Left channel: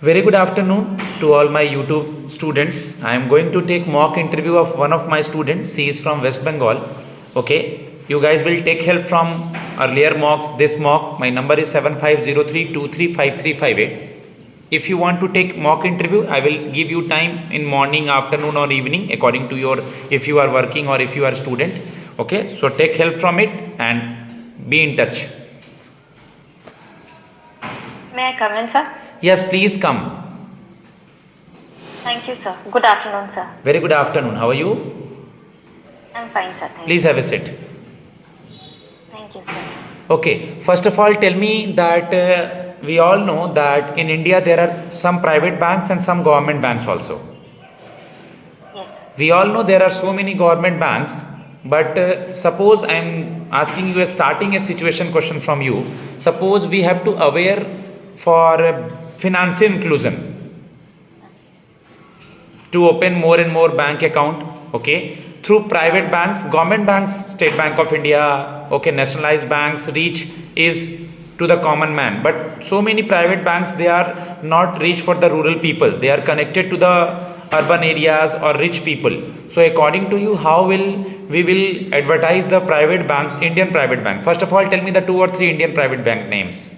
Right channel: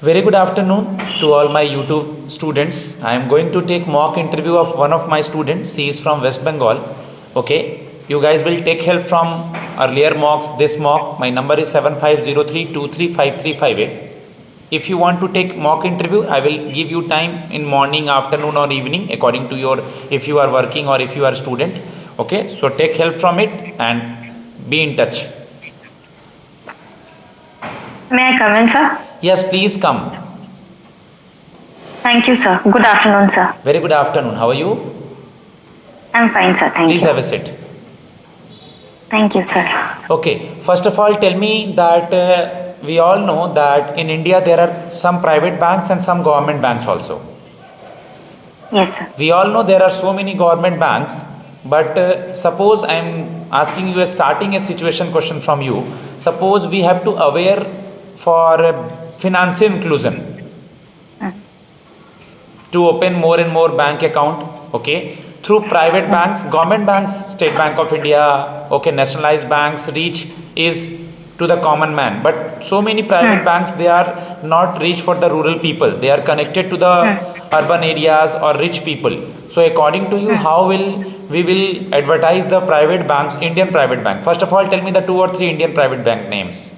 Very good afternoon to all my YouTube students. I am going to take mock interview of one of my students. She is from West Bengal. Okay. You guys will take help from earlier mocks. This mock, my number is 7503235358. If you want to take mock interview, I will give you time in morning, afternoon or evening according to your, if you are working or if you are student. Okay. So take help from it and be in touch. May I come in, sir? Yes, please come. Thank you, sir. Good afternoon, sir. Very good afternoon. How are you? I'm fine, sir. Thank Please you. have a seat. Thank you, sir. Okay, first of all, tell me that we all know that in India there are some private banks and some government banks also. Yes, sir. We all know there are so many government banks, but suppose I am asking you a starting a situation question from you. Suppose we have to aware for financial inclusion to open more and more bank account, okay, through private banks, government banks, State Bank of India, okay, nationalized banks reach is to the common man, but so many private banks, they are not reach for the rural people, they are connected to the urban areas or rich people. So according to you, how will we will advertise the private banks, Indian private bank? First of all, tell me the 2 or 3 Indian private bank names.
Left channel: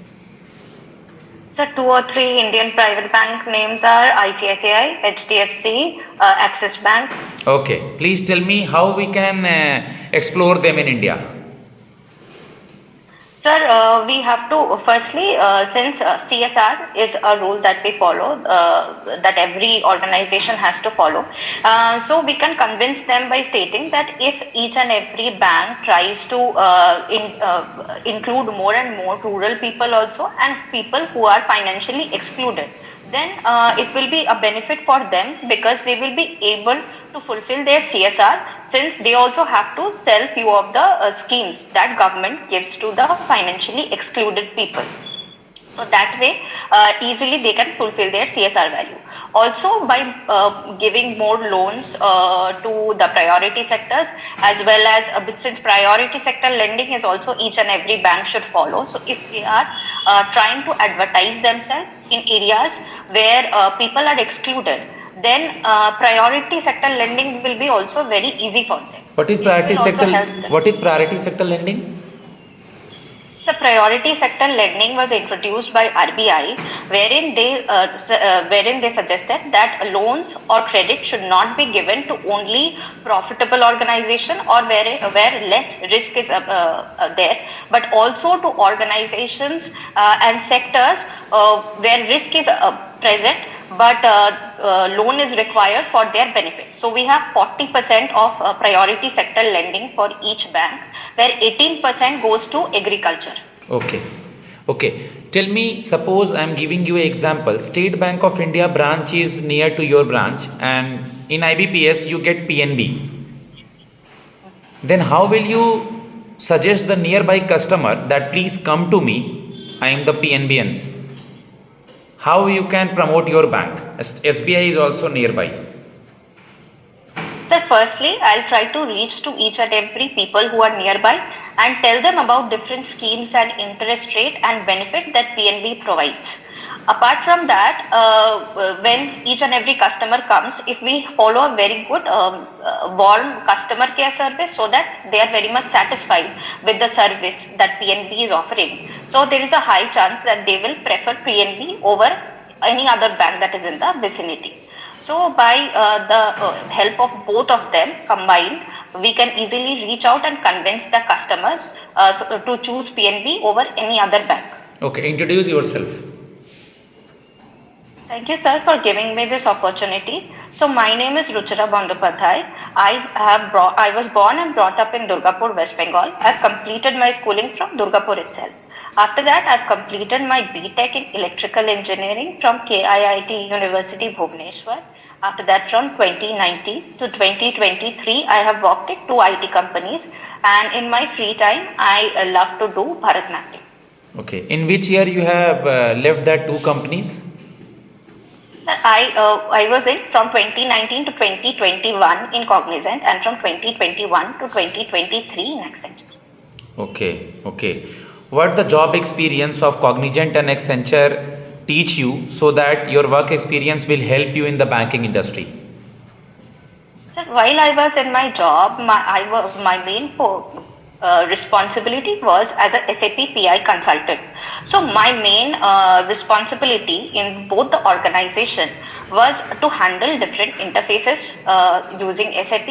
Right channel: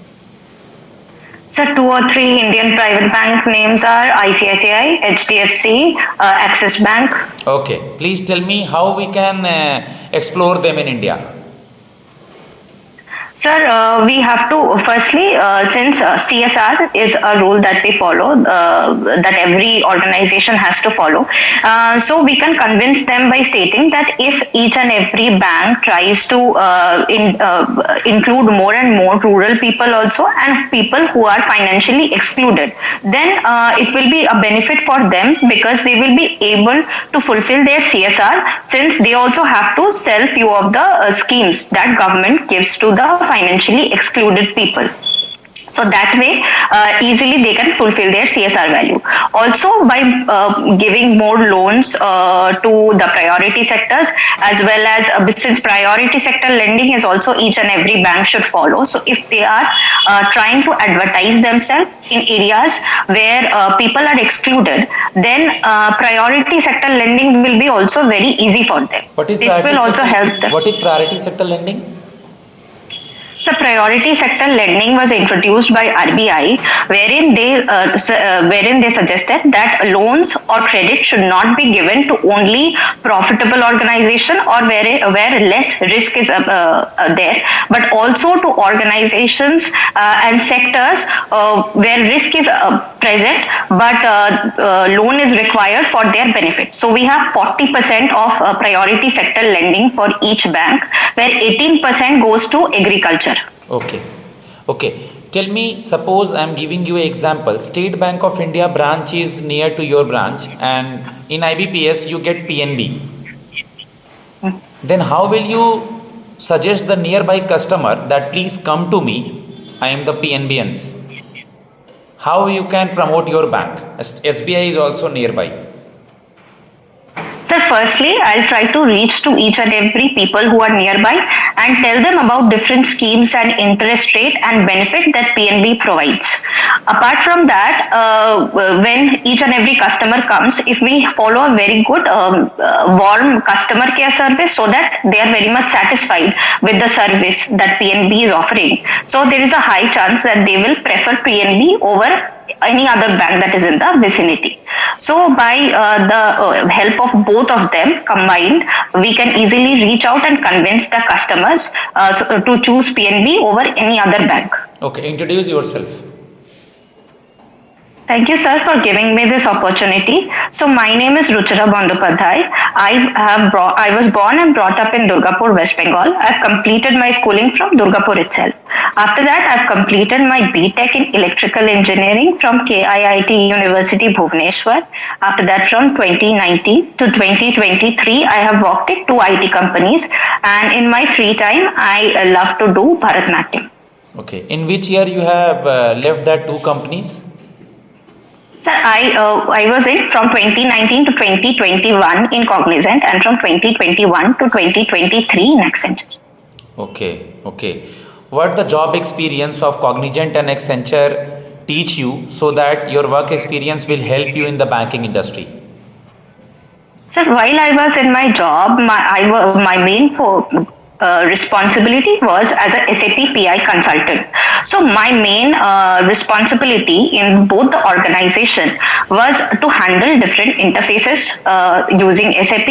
So 2 or 3 Indian private bank names are ICICI, HDFC, Axis Bank. Okay, please tell me how we can explore them in India. Sir, we have to firstly, since CSR is a rule that we follow, that every organization has to follow. So we can convince them by stating that if each and every bank tries to include more and more rural people also and people who are financially excluded, then it will be a benefit for them because they will be able to fulfill their CSR since they also have to sell few of the schemes that government gives to the financially excluded people. So that way, easily they can fulfill their CSR value. Also, by giving more loans to the priority sectors, as well as since priority sector lending is also each and every bank should follow. So if they are trying to advertise themselves in areas where people are excluded, then priority sector lending will be also very easy for them. What is This priority will also sector? help them. What is priority sector lending? So priority sector lending was introduced by RBI, wherein they suggested that loans or credit should not be given to only profitable organization or where less risk is there, but also to organizations and sectors where risk is present, but loan is required for their benefit. So we have 40% of priority sector lending for each bank, where 18% goes to agriculture. Okay. Okay. Tell me, suppose I am giving you an example. State Bank of India branch is near to your branch and in IBPS you get PNB. Then how will you suggest the nearby customer that please come to me, I am the PNBans? How you can promote your bank? SBI is also nearby. Sir, firstly, I'll try to reach to each and every people who are nearby and tell them about different schemes and interest rate and benefit that PNB provides. Apart from that, when each and every customer comes, if we follow a very good warm customer care service so that they are very much satisfied with the service that PNB is offering, so there is a high chance that they will prefer PNB over any other bank that is in the vicinity. So by the help of both of them combined, we can easily reach out and convince the customers to choose PNB over any other bank. Okay, introduce yourself. Thank you, sir, for giving me this opportunity. So my name is Ruchira Bandopadhyay. I was born and brought up in Durgapur, West Bengal. I've completed my schooling from Durgapur itself. After that, I've completed my BTech in Electrical Engineering from KIIT University, Bhubaneswar. After that, from 2019 to 2023, I have worked in 2 IT companies. And in my free time, I love to do Bharatnatyam. Okay. In which year you have left that 2 companies? Sir, I was in from 2019 to 2021 in Cognizant and from 2021 to 2023 in Accenture. Okay, okay. What the job experience of Cognizant and Accenture teach you so that your work experience will help you in the banking industry? So while I was in my job, my main responsibility was as a SAP PI consultant. So my main responsibility in both the organization was to handle different interfaces using SAP,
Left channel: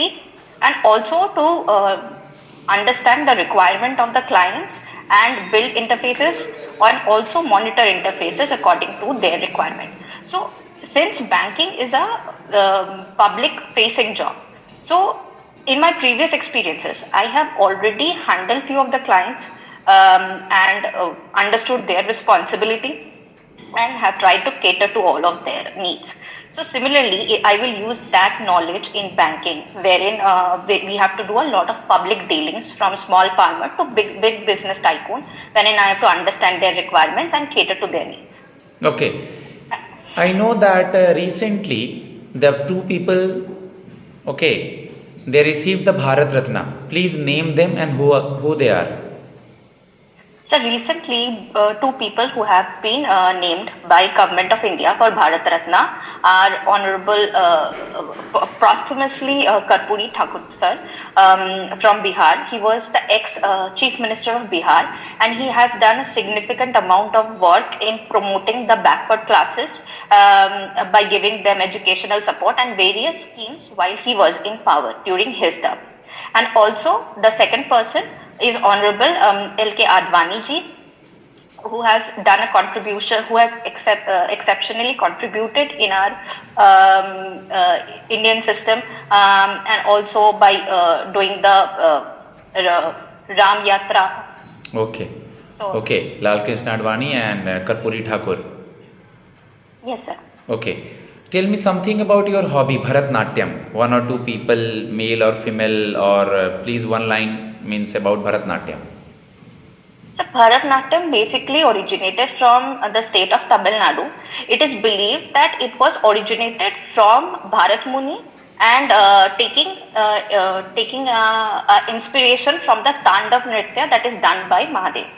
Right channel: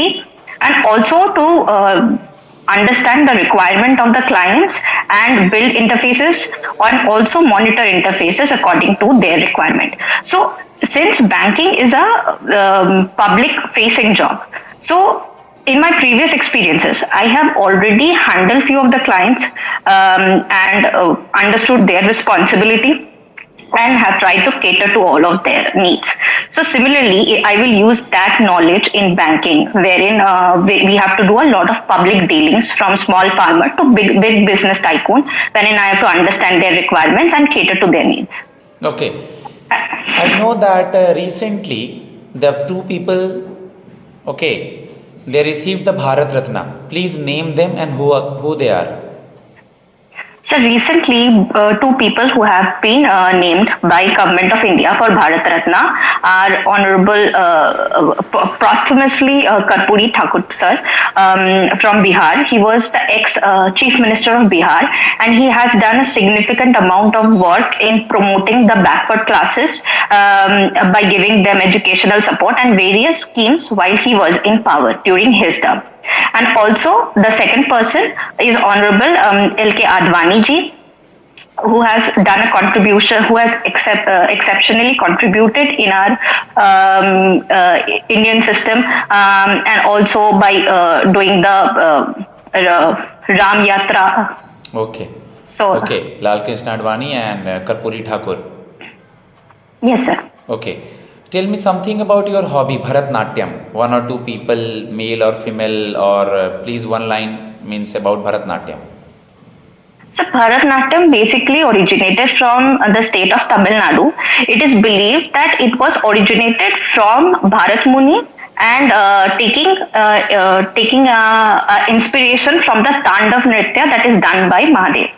and also to understand the requirement of the clients and build interfaces and also monitor interfaces according to their requirement. So since banking is a public facing job, so in my previous experiences I have already handled few of the clients, and understood their responsibility and have tried to cater to all of their needs. So similarly, I will use that knowledge in banking, wherein we have to do a lot of public dealings from small farmer to big business tycoon, wherein I have to understand their requirements and cater to their needs. Okay. I know that recently the two people, okay, they received the Bharat Ratna. Please name them and who they are. So recently, two people who have been named by Government of India for Bharat Ratna are Honorable posthumously Karpuri Thakur sir, from Bihar. He was the ex-Chief Minister of Bihar, and he has done a significant amount of work in promoting the backward classes by giving them educational support and various schemes while he was in power during his term. And also the second person is Honorable L.K. Advani ji, who has done a contribution, who has exceptionally contributed in our Indian system, and also by doing the Ram Yatra. Okay. So, okay, Lal Krishna Advani and Karpuri Thakur. Yes, sir. Okay. Tell me something about your hobby, Bharatnatyam. One or two people, male or female, or please one line means about Bharatnatyam. So Bharatnatyam basically originated from the state of Tamil Nadu. It is believed that it was originated from Bharat Muni and taking inspiration from the Tandav Nritya that is done by Mahadev.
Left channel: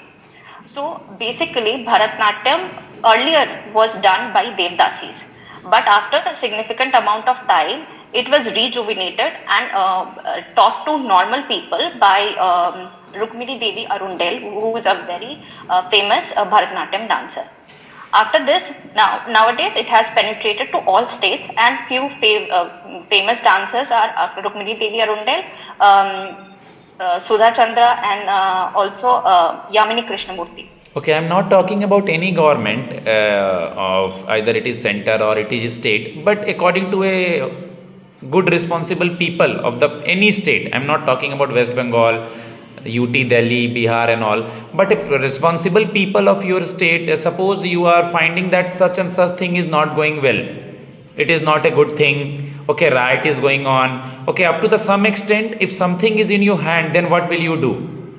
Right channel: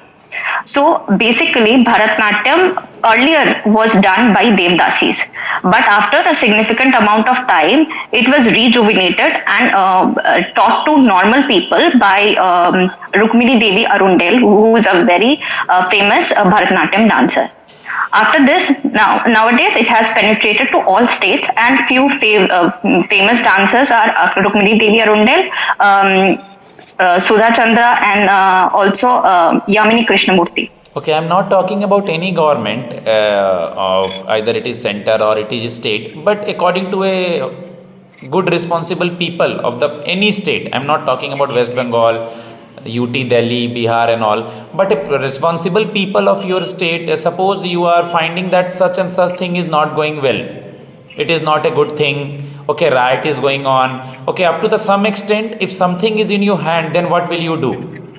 So basically, Bharatnatyam earlier was done by Devdasis, but after a significant amount of time, it was rejuvenated and taught to normal people by Rukmini Devi Arundel, who is a very famous Bharatnatyam dancer. After this, nowadays it has penetrated to all states, and few famous dancers are Rukmini Devi Arundel, Sudha Chandra, and also Yamini Krishnamurti. Okay, I'm not talking about any government of either it is center or it is state, but according to a good responsible people of the any state. I'm not talking about West Bengal, UT, Delhi, Bihar and all, but a responsible people of your state. Suppose you are finding that such and such thing is not going well. It is not a good thing. Okay, riot is going on. Okay, up to the some extent, if something is in your hand, then what will you do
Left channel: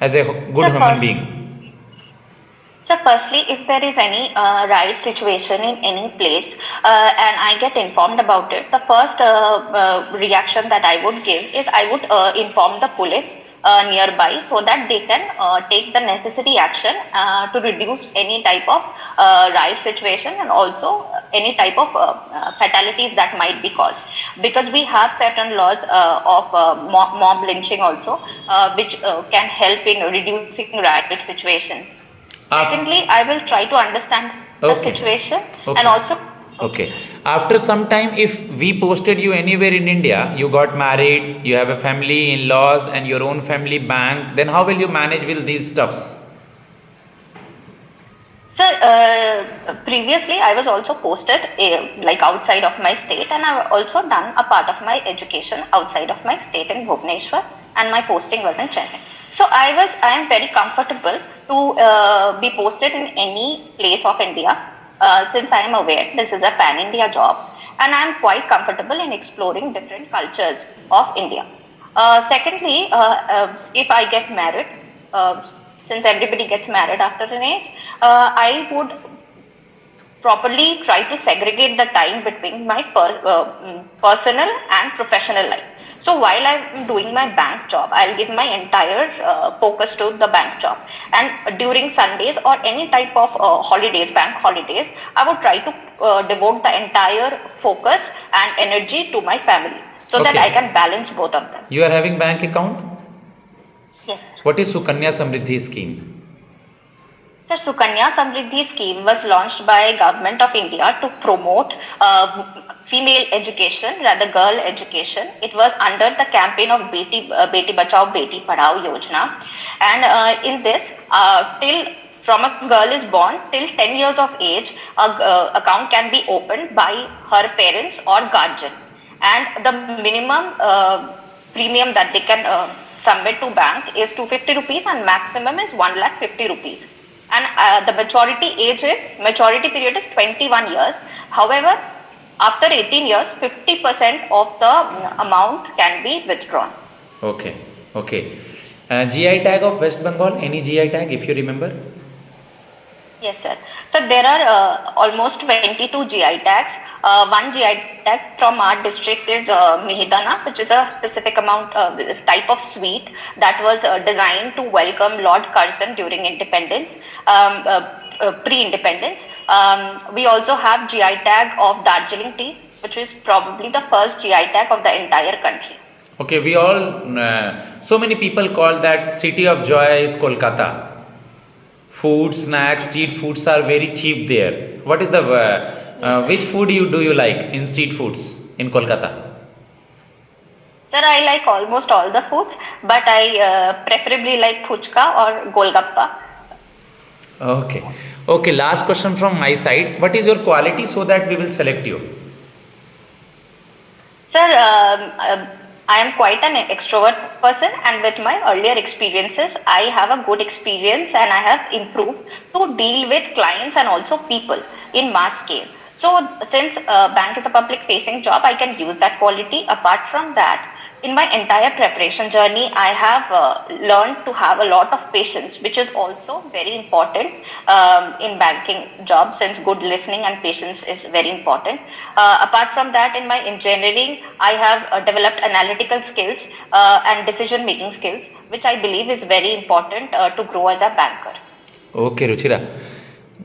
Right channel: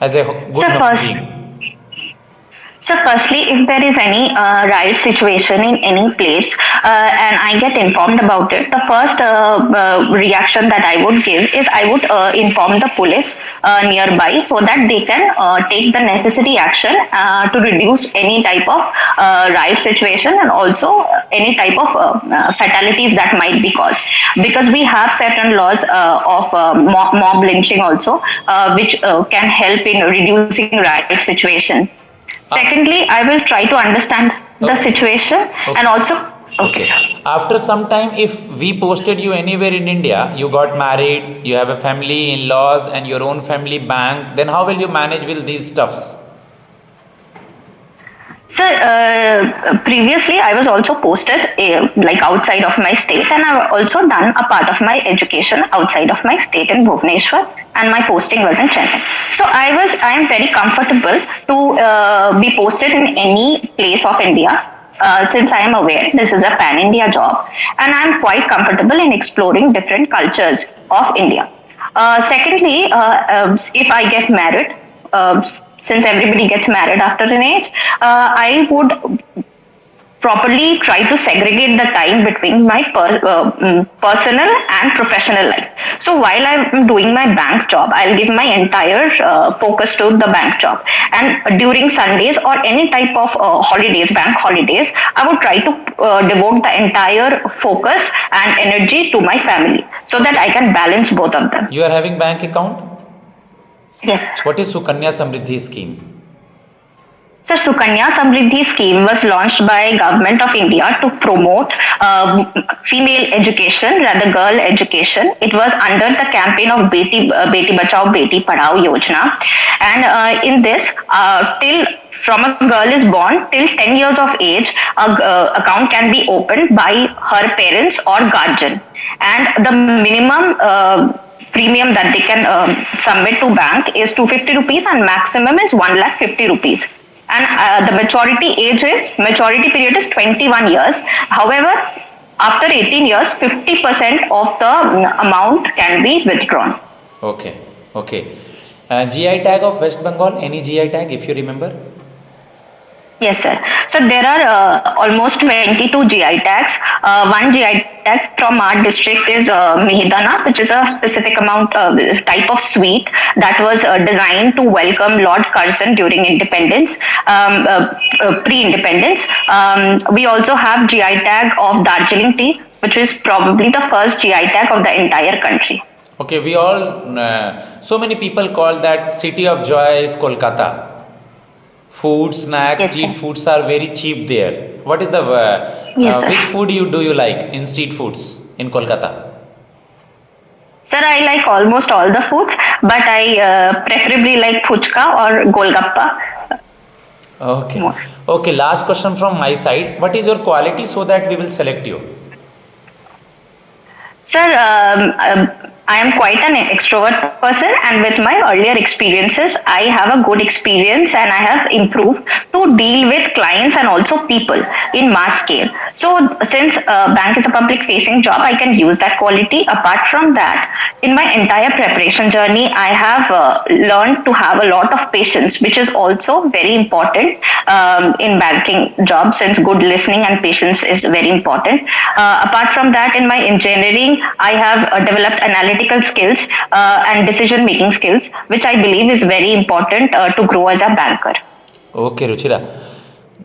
as a good human being? So firstly, if there is any riot situation in any place and I get informed about it, the first reaction that I would give is I would inform the police nearby so that they can take the necessary action to reduce any type of riot situation and also any type of fatalities that might be caused. Because we have certain laws of mob lynching also, which can help in reducing riot situation. Secondly, I will try to understand the situation and also. Okay. After some time, if we posted you anywhere in India, you got married, you have a family, in-laws, and your own family bank, then how will you manage with these stuffs? Sir, previously I was also posted like outside of my state, and I've also done a part of my education outside of my state in Bhubaneswar, and my posting was in Chennai. So I am very comfortable to be posted in any place of India. Since I am aware this is a pan-India job, and I am quite comfortable in exploring different cultures of India. Secondly, if I get married, since everybody gets married after an age, I would properly try to segregate the time between my personal and professional life. So while I'm doing my bank job, I'll give my entire focus to the bank job. And during Sundays or any type of holidays, bank holidays, I would try to devote the entire focus and energy to my family so that I Okay. can balance both of them. You are having bank account? Yes, sir. What is Sukanya Samriddhi scheme? Sir, Sukanya Samriddhi scheme was launched by Government of India to promote female education, rather girl education. It was under the campaign of Beti Bachao Beti Padhao Yojana, and in this, till from a girl is born till 10 years of age, a account can be opened by her parents or guardian, and the minimum. Premium that they can submit to bank is 250 rupees and maximum is 1,50,000 rupees, and the maturity period is 21 years. However, after 18 years 50% of the amount can be withdrawn. Okay. Okay. GI tag of West Bengal, any GI tag if you remember? Yes, sir. So there are almost 22 GI tags. One GI tag from our district is Mihidana, which is a specific amount type of sweet that was designed to welcome Lord Curzon during independence, pre-independence. We also have GI tag of Darjeeling tea, which is probably the first GI tag of the entire country. Okay, we all, so many people call that city of joy is Kolkata. Food, snacks, Yes, street sir. foods are very cheap there. What is the, Yes, which sir. food do you like in street foods in Kolkata? Sir, I like almost all the foods, but I preferably like puchka or golgappa Okay. more. Okay, last question from my side. What is your quality so that we will select you? Sir, I am quite an extrovert person, and with my earlier experiences, I have a good experience and I have improved to deal with clients and also people in mass scale. So, since bank is a public facing job, I can use that quality. Apart from that, in my entire preparation journey, I have learned to have a lot of patience, which is also very important in banking job, since good listening and patience is very important. Apart from that, in my engineering, I have developed analytical skills and decision making skills, which I believe is very important to grow as a banker. Okay, Ruchira.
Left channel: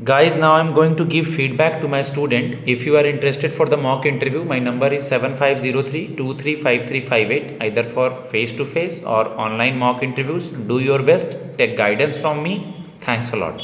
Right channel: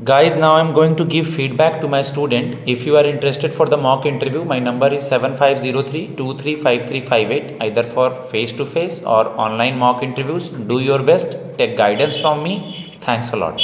Guys, now I'm going to give feedback to my student. If you are interested for the mock interview, my number is 7503-235358, either for face to face or online mock interviews. Do your best, take guidance from me. Thanks a lot.